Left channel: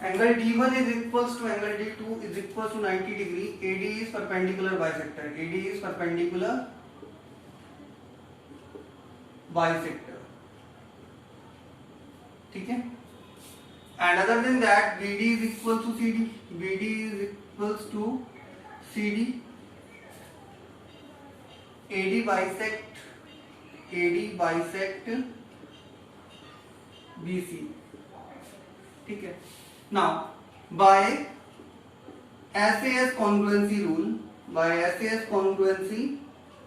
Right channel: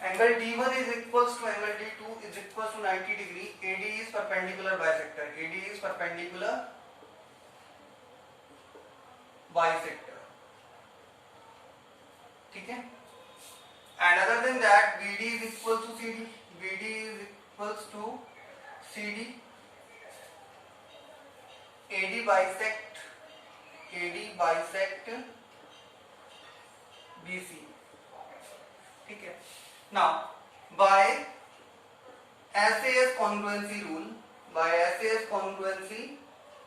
Angle D1 is equals to angle D2 is equals to 90 degree. AD is perpendicular bisector. AD is perpendicular bisector. ठीक है. And other than that, BD is equal to CD. BD is equals to CD. AD bisect BC. ठीक है. Now by SAS congruency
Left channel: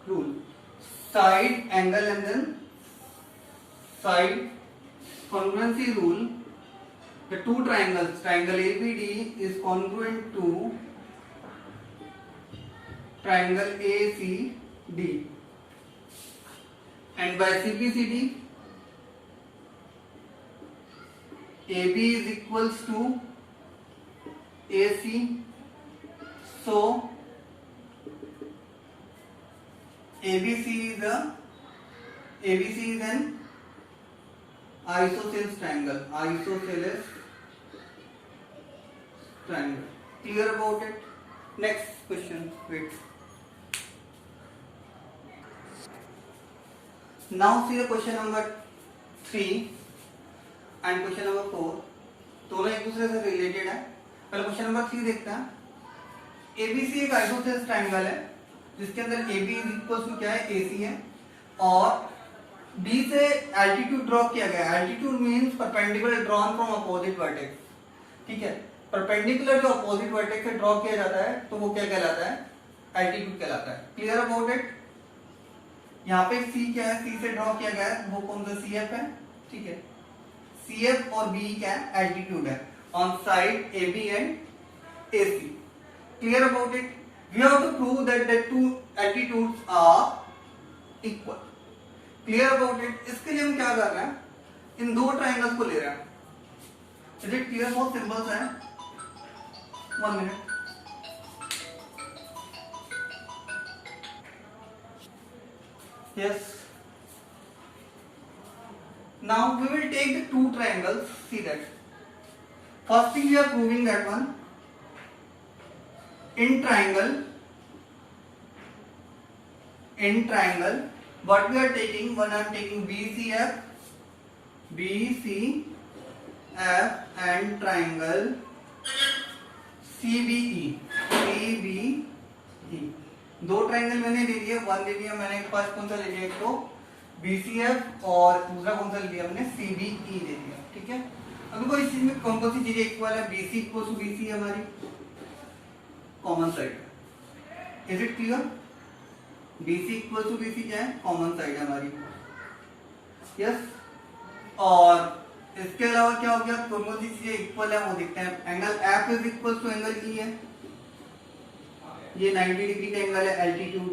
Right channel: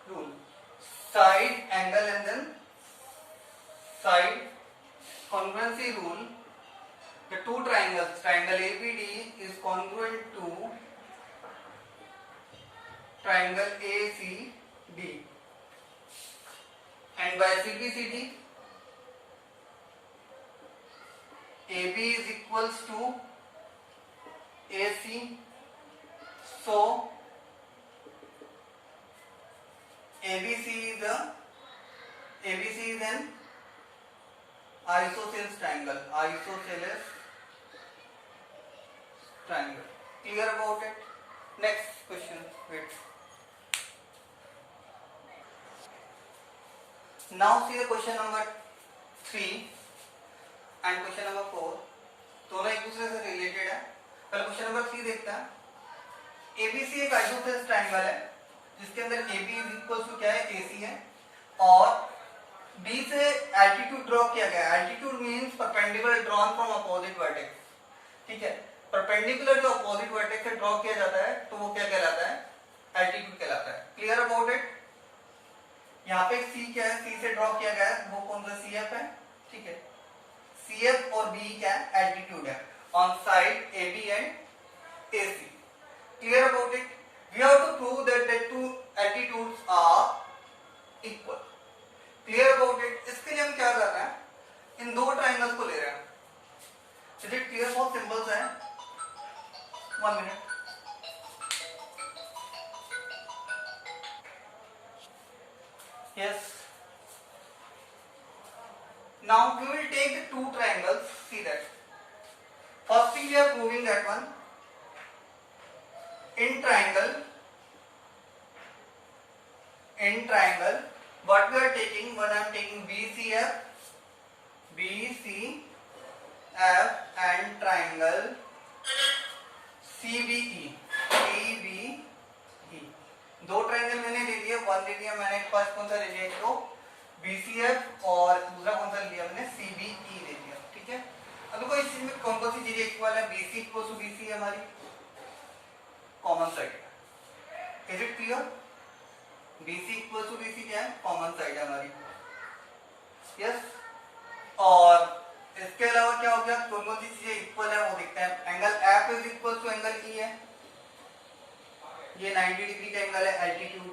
rule, side angle and then side congruency rule, the two triangles, triangle ABD is congruent to triangle ACD, and by CPCD AB is equals to AC, so ABC is an isosceles triangle. Clear about it? Next question. Wait. Now see the question number 3 and question number 4. दोनों एक दूसरे से related है. पहले question number 3 देखते हैं. ABC एक isosceles triangle है जिसके अंदर AB इज इक्वल टू क्या है, AC है, और B से एल्टीट्यूड ड्रॉ किया गया. Altitude means perpendicular drawn from opposite vertex. ठीक है. परपेंडिकुलर जो अपोजिट वर्टेक्स से ड्रॉ किया जाता है तो वो क्या कहलाता है, एल्टीट्यूड कहलाता है. Clear about it? यहाँ पे C क्या है, C से ड्रॉ किया गया है, वो कौन सा CF है. ठीक है. CF और B क्या है, एल्टीट्यूड है on side AB and AC. Clear about it? We have to prove that the two altitudes are equal. Clear about it? इसके लिए हम क्या कर रहे हैं, इन दो ट्राइंगल्स को ले रहे हैं. Is it clear? बहुत सिंपल सा है. 1 minute. Yes. Now we will take the two triangles. See that. Firstly, we are proving that one. In triangle, what we are taking? One I am taking BCF and triangle CBE. दो triangle मैंने ले लिए. One ले लिया मैंने, एक पास कौन सा ले लिया, एक तो BCF और दूसरा कौन सा ले लिया मैंने, CBE ले लिया. ठीक है. अभी कोई इस चीज में कौन सी चीजें इक्वल है, BC इक्वल टू BC है हमारी common side. Is it clear? BC equal to BC क्या है, कॉमन साइड है हमारी. यस. और इसके अलावा क्या हो गया, कौन सी चीजें इक्वल है वो देखते हैं. Angle F is equal to angle E है. ये 90 डिग्री का एंगल है. एल्टीट्यूड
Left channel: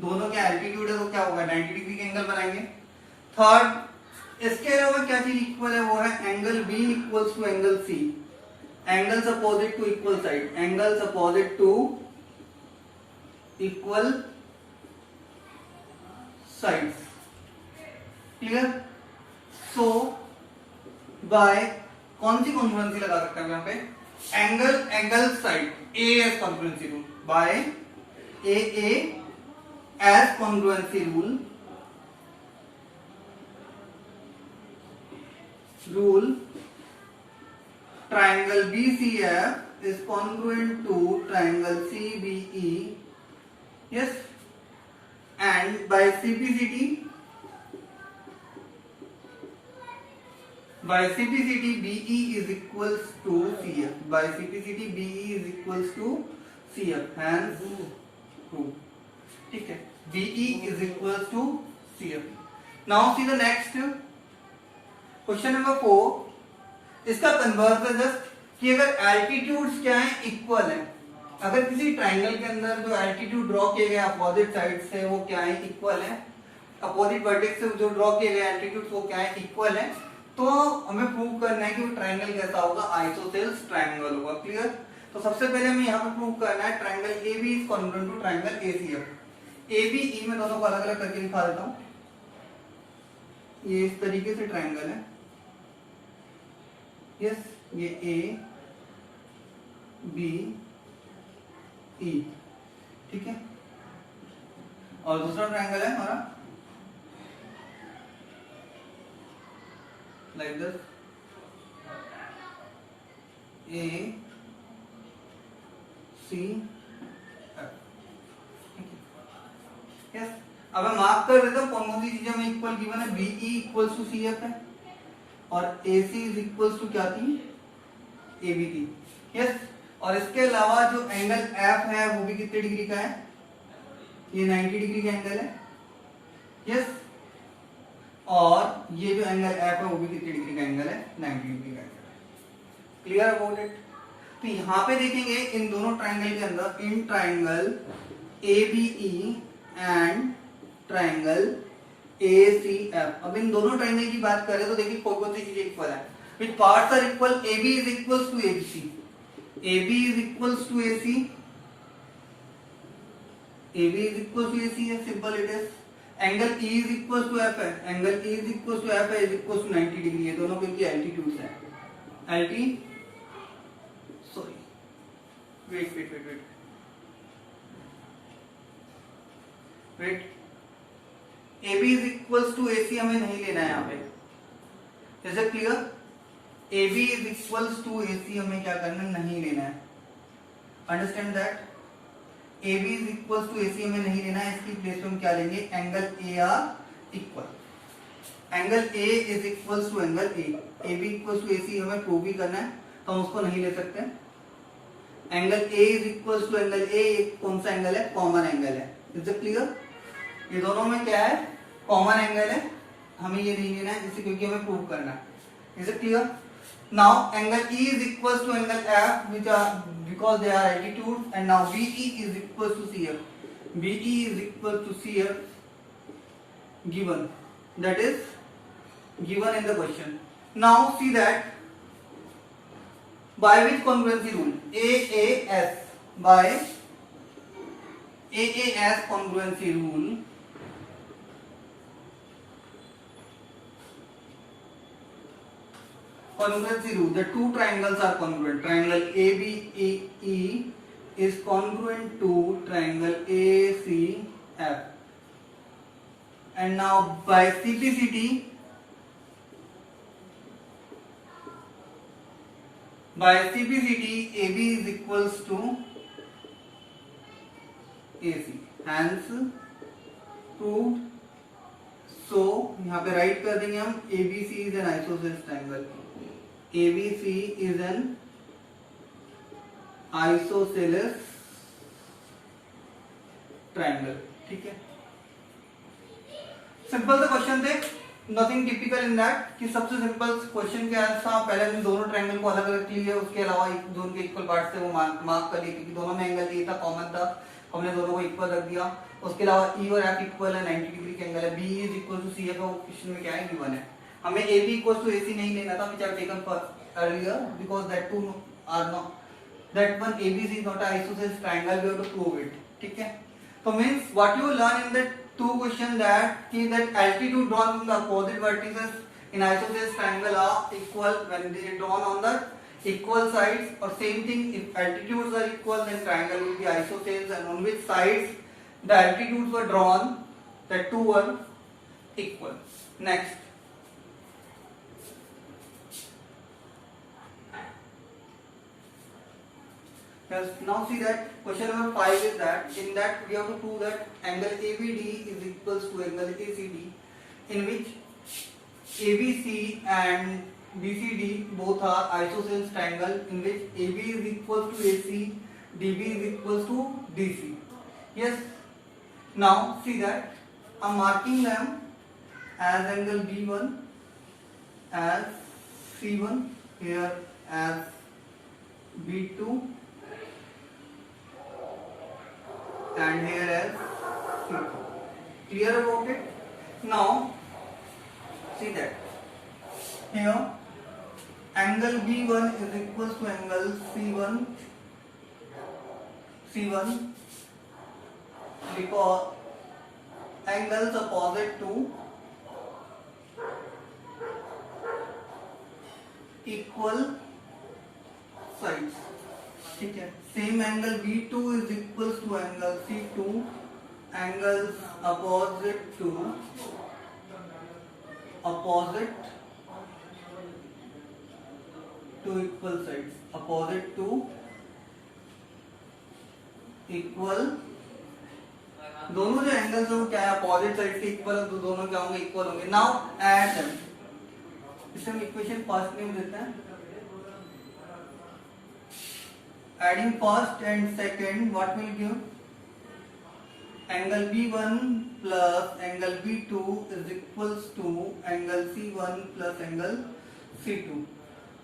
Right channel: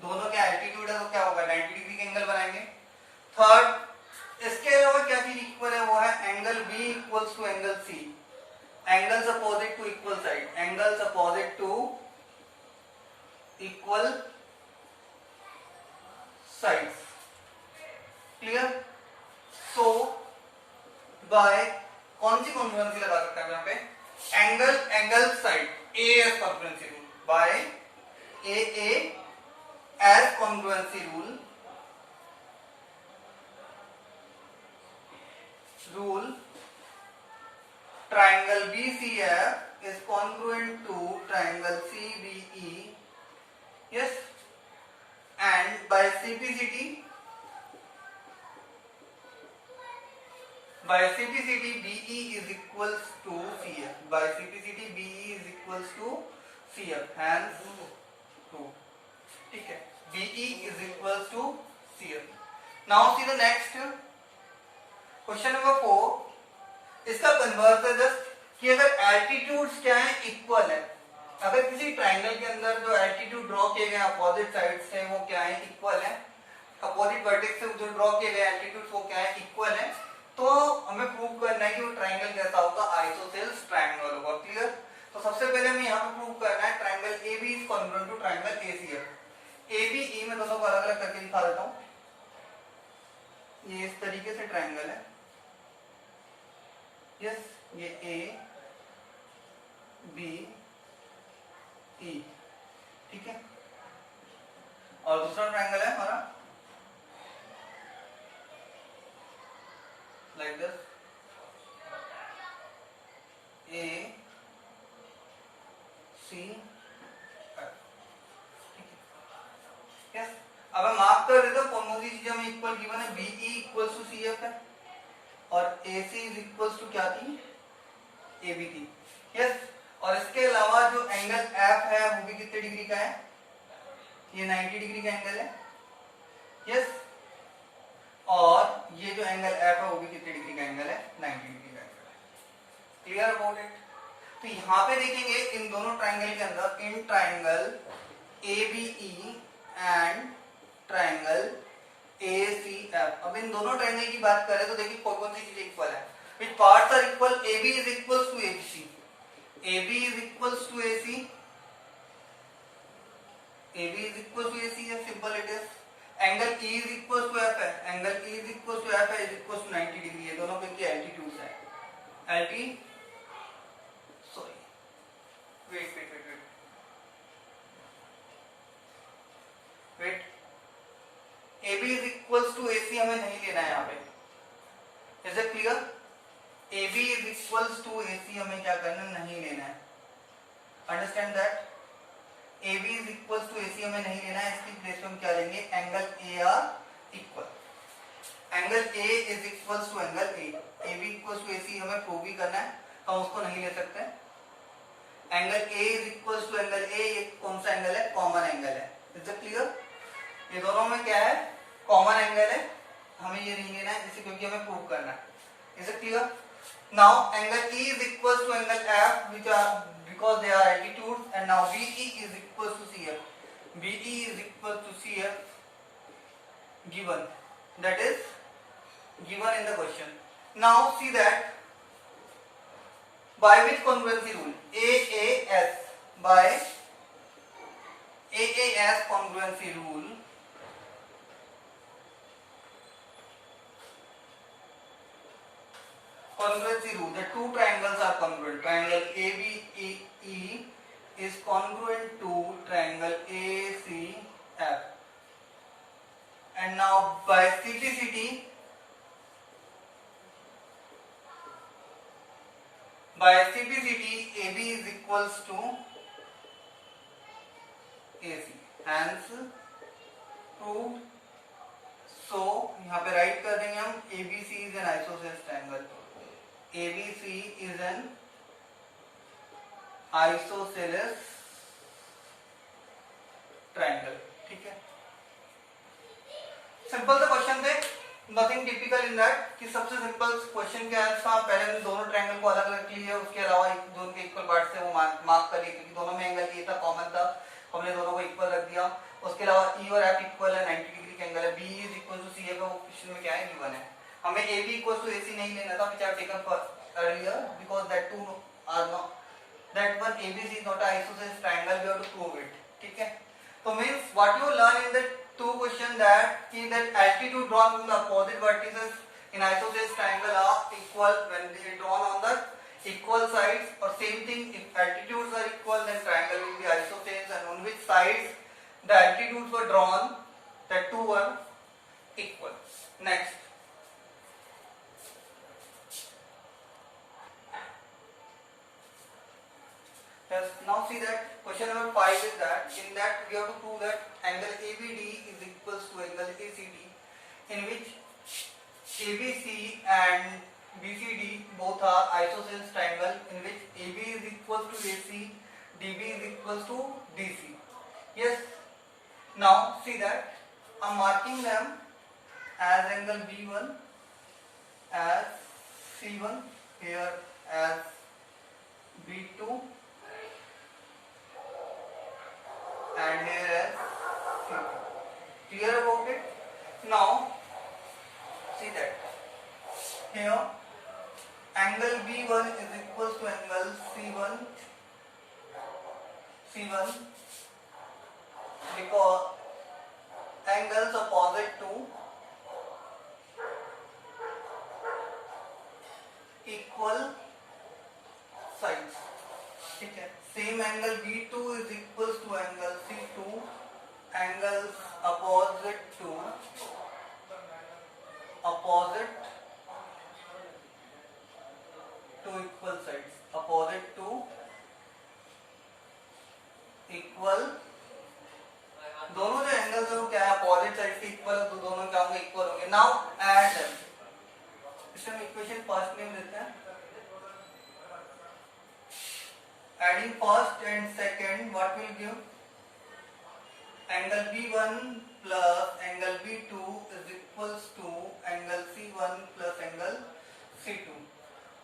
दोनों के एल्टीट्यूड है तो क्या होगा, 90 डिग्री का एंगल बनाएंगे. थर्ड, इसके अलावा क्या चीज इक्वल है, वो है angle B equals to angle C. Angles opposite to equal side. Angles opposite to equal sides. Clear? So by कौन सी कॉन्ग्रुएंसी लगा सकते हैं यहाँ पे, angle side AS congruency rule. By AS congruency rule triangle BCF is congruent to triangle CBE. Yes. And by CPCD BE is equals to CF. By CPCD BE is equals to CF. Hence proved. ठीक है. BE is equals to CF. Now see the next question number 4. इसका converse है just कि अगर altitudes क्या है, equal है. अगर किसी ट्राइंगल के अंदर जो एल्टीट्यूड ड्रॉ किए गए अपोजिट साइड से वो क्या है, इक्वल है. अपोजिट वर्टेक्स से जो ड्रॉ किए गए एल्टीट्यूड वो क्या है, इक्वल है. तो हमें प्रूव करना है कि वो ट्राइंगल कैसा होगा, आइसोसेलेस ट्राइंगल होगा. क्लियर? तो सबसे पहले हमें यहाँ पे प्रूव करना है triangle AB is congruent to triangle ACF. ABE में दोनों को अलग अलग करके दिखा देता हूँ. ये इस तरीके से ट्राइंगल है. यस, ये ए बी ई, ठीक है। और दूसरा ट्रायंगल है हमारा like this, A C F, ठीक है। यस, अब मैं मार्क कर देता हूं कौन कौन सी चीजें हमें इक्वल गिवन है। BE equals to C F है और AC इज इक्वल्स टू क्या थी, AB थी। यस, और इसके अलावा जो एंगल F है वो भी कितने डिग्री का है, ये 90 डिग्री का एंगल है। यस, और ये जो एंगल F है वो भी कितने डिग्री का एंगल है, 90 डिग्री का एंगल है। Clear about it. तो यहां पे देखेंगे इन दोनों ट्राइंगल के अंदर, in triangle ABE and triangle ACF, अब इन दोनों ट्राइंगल की बात करें तो देखिए कौन कौन सी चीजें इक्वल है। Which parts are equal, AB is equals to ABC, AB is equals to AC, AB is equals to AC है, simple it is. Angle E is equals to F है, angle E is equals to F है, is equals to 90 degree है, दोनों के altitudes है। Wait, AB is equals to AC हमें नहीं लेना है यहाँ पे, is it clear. AB is equals to AC हमें क्या करना, नहीं लेना है, understand that. AB is equals to AC हमें नहीं लेना है, इसकी प्लेस पे हम क्या लेंगे, angle AR equal, angle A is equals to angle A, AB equals to AC हमें प्रूव भी करना है तो हम उसको नहीं ले सकते। Angle A is equals to angle A, ये कौन सा एंगल है, कॉमन एंगल है, इज इट क्लियर। ये दोनों में क्या है, कॉमन एंगल है, हमें ये नहीं लेना है इसे, क्योंकि हमें प्रूव करना है, is it clear. Now angle E is equals to angle F, which are because they are altitudes, and now BE is equals to CF. BE is equal to CF given, that is given in the question. Now see that by which congruency rule, AAS, by AAS congruency rule, congruency rule, the two triangles are congruent. Triangle ABE is congruent to triangle ACF. And now by CPCT, AB is equals to AC. Hence proved. So यहाँ पे right कर देंगे हम, ABC is an isosceles triangle. ABC is an isosceles triangle, ठीक है। Simple सा question थे, nothing typical in that, कि सबसे सिंपल क्वेश्चन क्या था, पहले हमने दोनों ट्रायंगल को अलग अलग लिए, उसके अलावा दोनों के इक्वल पार्ट से वो मार्क कर लिए, क्योंकि दोनों में एंगल ए था, कॉमन था, हमने दोनों को इक्वल रख दिया। उसके अलावा E और F इक्वल है, 90 डिग्री के एंगल है। B is equal to CF, वो क्वेश्चन में क्या है, गिवन है। हमें AB इक्वल टू AC नहीं लेना था, which are taken for earlier because that two are not, that one ABC is not an isosceles triangle, we have to prove it, ठीक है। तो means what you learn in the two question that see that altitude drawn from the opposite vertices in isosceles triangle are equal when they are drawn on the equal sides, or same thing if altitudes are equal then triangle will be isosceles, and on which sides the altitudes were drawn, that two were equal. Next, yes, now see that question number 5 is that in that we have to prove that angle ABD is equals to angle ACD, in which ABC and BCD both are isosceles triangle, in which AB is equals to AC, DB is equals to DC. Yes, now see that I'm marking them as angle B1, as C1, here as B2, and here as C2. Clear about it? Now see that here angle B1 is equals to angle C1 because angles opposite to equal sides, ठीक है। Same angle B2 is equal to angle C2, angles opposite to equal sides, opposite to equal, दोनों जो angles हैं वो क्या है, opposite side से equal है, तो दोनों क्या होंगे, इक्वल होंगे। नाउ ऐड देम, इसे हम इक्वेशन फर्स्ट नेम देते हैं। Adding first and second, what will give? Angle B1 plus angle B2 is equals to angle C1 plus angle C2,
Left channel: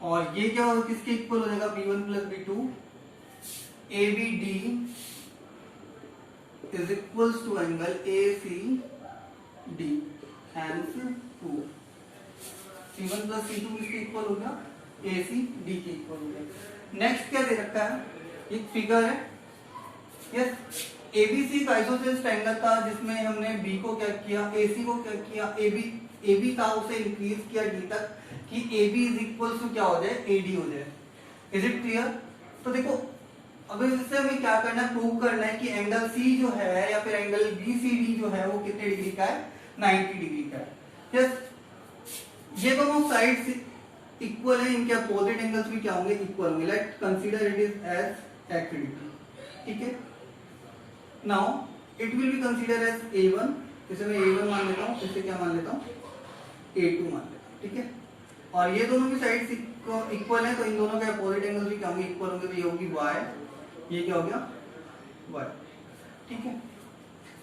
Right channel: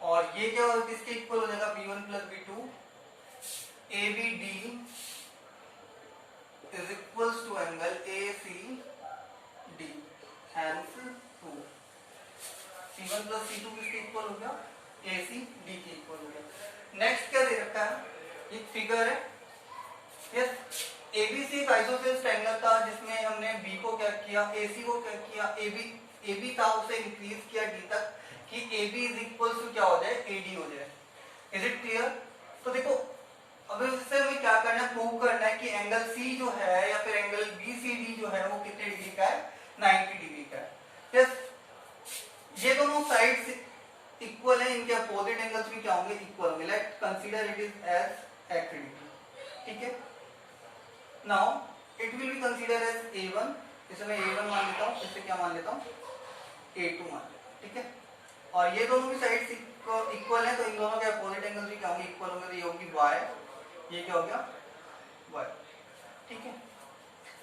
और ये क्या होगा, किसके इक्वल हो जाएगा, B1 plus B2, ABD is equals to angle ACD, hence 2, C1 plus C2 किसके equal हो गया, ACD के इक्वल हो गया। नेक्स्ट क्या दे रखा है, एक फिगर है, यस, एबीसी एक आइसोसेलेस ट्रायंगल था जिसमें हमने बी को क्या किया, एसी को क्या किया, एबी था उसे इंक्रीज किया डी तक कि एबी इज इक्वल टू क्या हो जाए, एडी हो जाए। Is it clear? तो देखो अब इससे हमें क्या करना है, प्रूव करना है कि एंगल सी जो है या फिर एंगल बीसीडी जो है वो कितने डिग्री का है, 90 डिग्री का है। यस, ये दोनों साइड्स इक्वल है, इनके अपोजिट एंगल्स भी क्या होंगे, इक्वल होंगे। Let consider it is as accurate, ठीक है। Now it will be consider as A1, इसे मैं A1 मान लेता हूँ, इसे क्या मान लेता हूँ, A2 मान लेता हूँ, ठीक है। और ये दोनों की साइड्स इक्वल है, तो इन दोनों के अपोजिट एंगल्स भी क्या होंगे, इक्वल होंगे, तो ये होगी y, ये क्या हो गया y, ठीक है।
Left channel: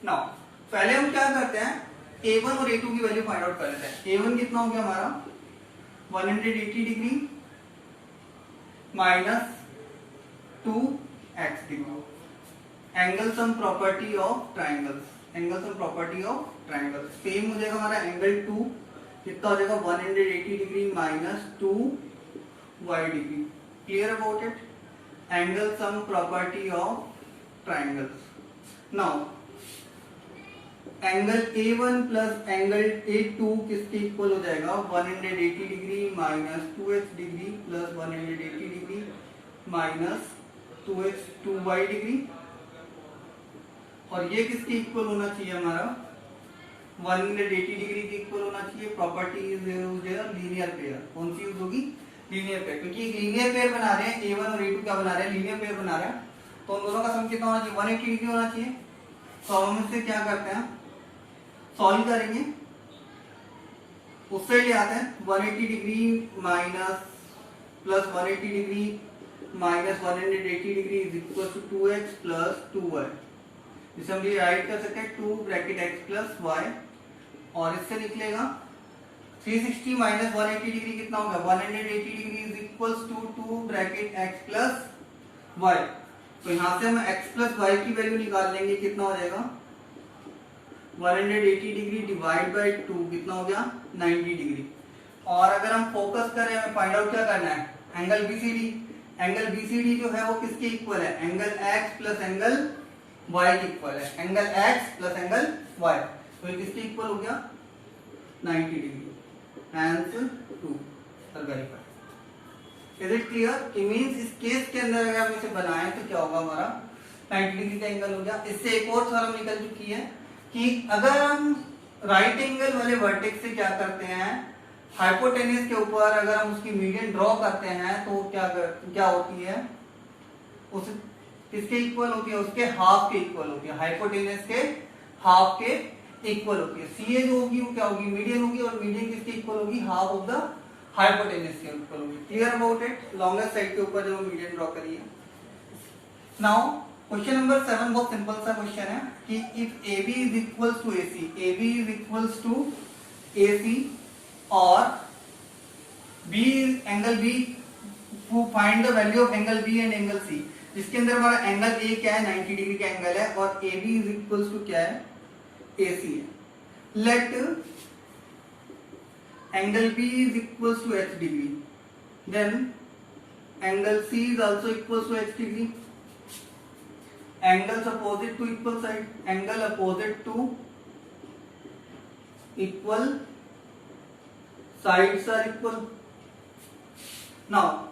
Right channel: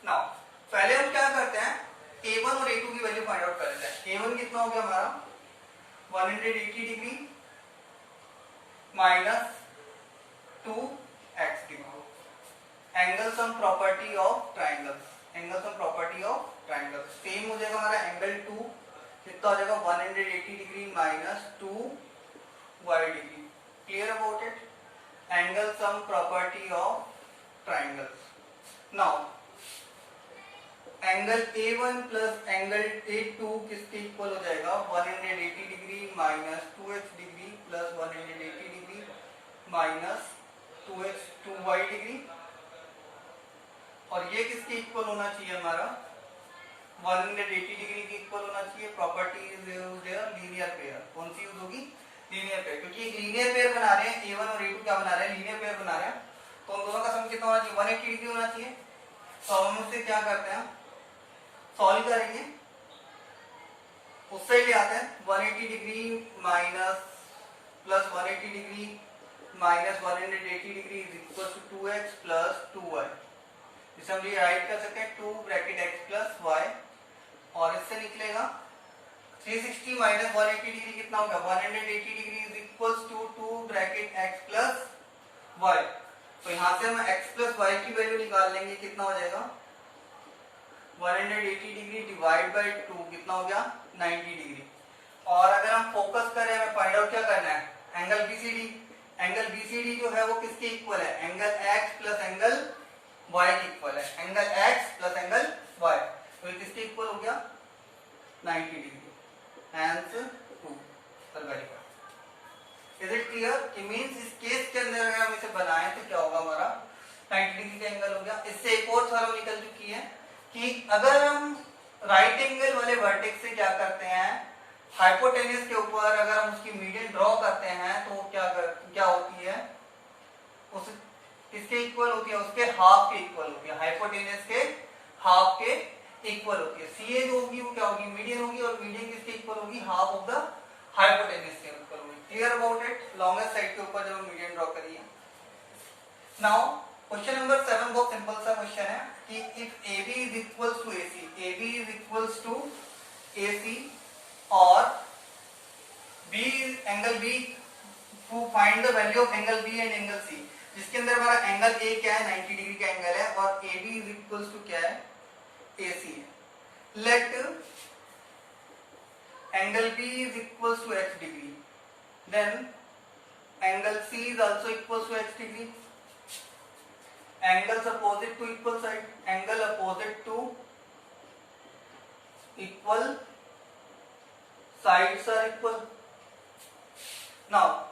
नाउ पहले हम क्या करते हैं, A1 और A2 की वैल्यू फाइंड आउट कर लेते हैं। A1 कितना हो गया हमारा 180 degree minus 2x degree, angle sum property of triangles, angle sum property of triangles same हो जाएगा हमारा एंगल 2 कितना हो जाएगा 180 degree minus 2y degree. Clear about it, angle sum property of triangles. Now angle A1 plus angle A2 किसके equal हो जाएगा, 180 degree minus 2x degree plus 180 degree minus 2y degree, और ये किसके इक्वल होना चाहिए हमारा, 180 डिग्री के इक्वल होना चाहिए। प्रॉपर्टी इज लीनियर पेयर, कौन सी यूज होगी, लीनियर पेयर, क्योंकि लीनियर पेयर बना रहे हैं, A1 और A2 क्या बना रहे हैं, लीनियर पेयर बना रहे हैं, तो उन दोनों का सम कितना होना चाहिए, 180 डिग्री होना चाहिए। तो हम इससे क्या करते हैं, सॉल्व करेंगे, उससे ले आते हैं 180 degree minus plus 180 degree minus 180 degree is equal to 2x plus 2y, जिसे हम राइट कर सकते हैं 2 ब्रैकेट x प्लस y, और इससे निकलेगा 360 माइनस 180 डिग्री कितना होगा, 180 degree is equal to 2 bracket x plus y। तो यहां से हम x प्लस y की वैल्यू निकाल लेंगे, कितना हो जाएगा 180 डिग्री डिवाइड बाई 2 कितना हो गया 90 डिग्री। और अगर हम फोकस करें, हमें फाइंड आउट क्या करना है, एंगल बीसीडी, एंगल बीसीडी जो है वो किसके इक्वल है, angle x plus angle y के इक्वल है, angle x plus angle y, तो ये किसके इक्वल हो गया 90 degree, hence 2 verify. Is it clear? It means इस केस के अंदर अगर हम इसे बनाएं तो क्या होगा, हमारा 90 डिग्री का एंगल हो गया। इससे एक और थ्योरम निकल चुकी है कि अगर हम राइट एंगल वाले वर्टेक्स से क्या करते हैं, हाइपोटेनस के ऊपर अगर हम उसकी मीडियन ड्रॉ करते हैं तो क्या होती है, उस किसके इक्वल होती है, उसके हाफ के इक्वल होती है, हाइपोटेनस के हाफ के इक्वल होती है। सीए जो होगी वो क्या होगी, मीडियन होगी, और मीडियन किसके इक्वल होगी, हाफ ऑफ द हाइपोटेनस के इक्वल होगी। Clear about it, longest side के ऊपर जब हम मीडियन ड्रॉ करिए। नाउ क्वेश्चन नंबर 7 बहुत सिंपल सा क्वेश्चन है कि if AB is equal to AC, AB is equal to AC और B angle B, to find the value of angle B and angle C, जिसके अंदर हमारा angle A क्या है 90 डिग्री का एंगल है, और AB इज इक्वल टू क्या है AC है। Let angle B is equal to H degree, then angle C is also equal to H degree, angles opposite to equal side, angle opposite to equal sides are equal, now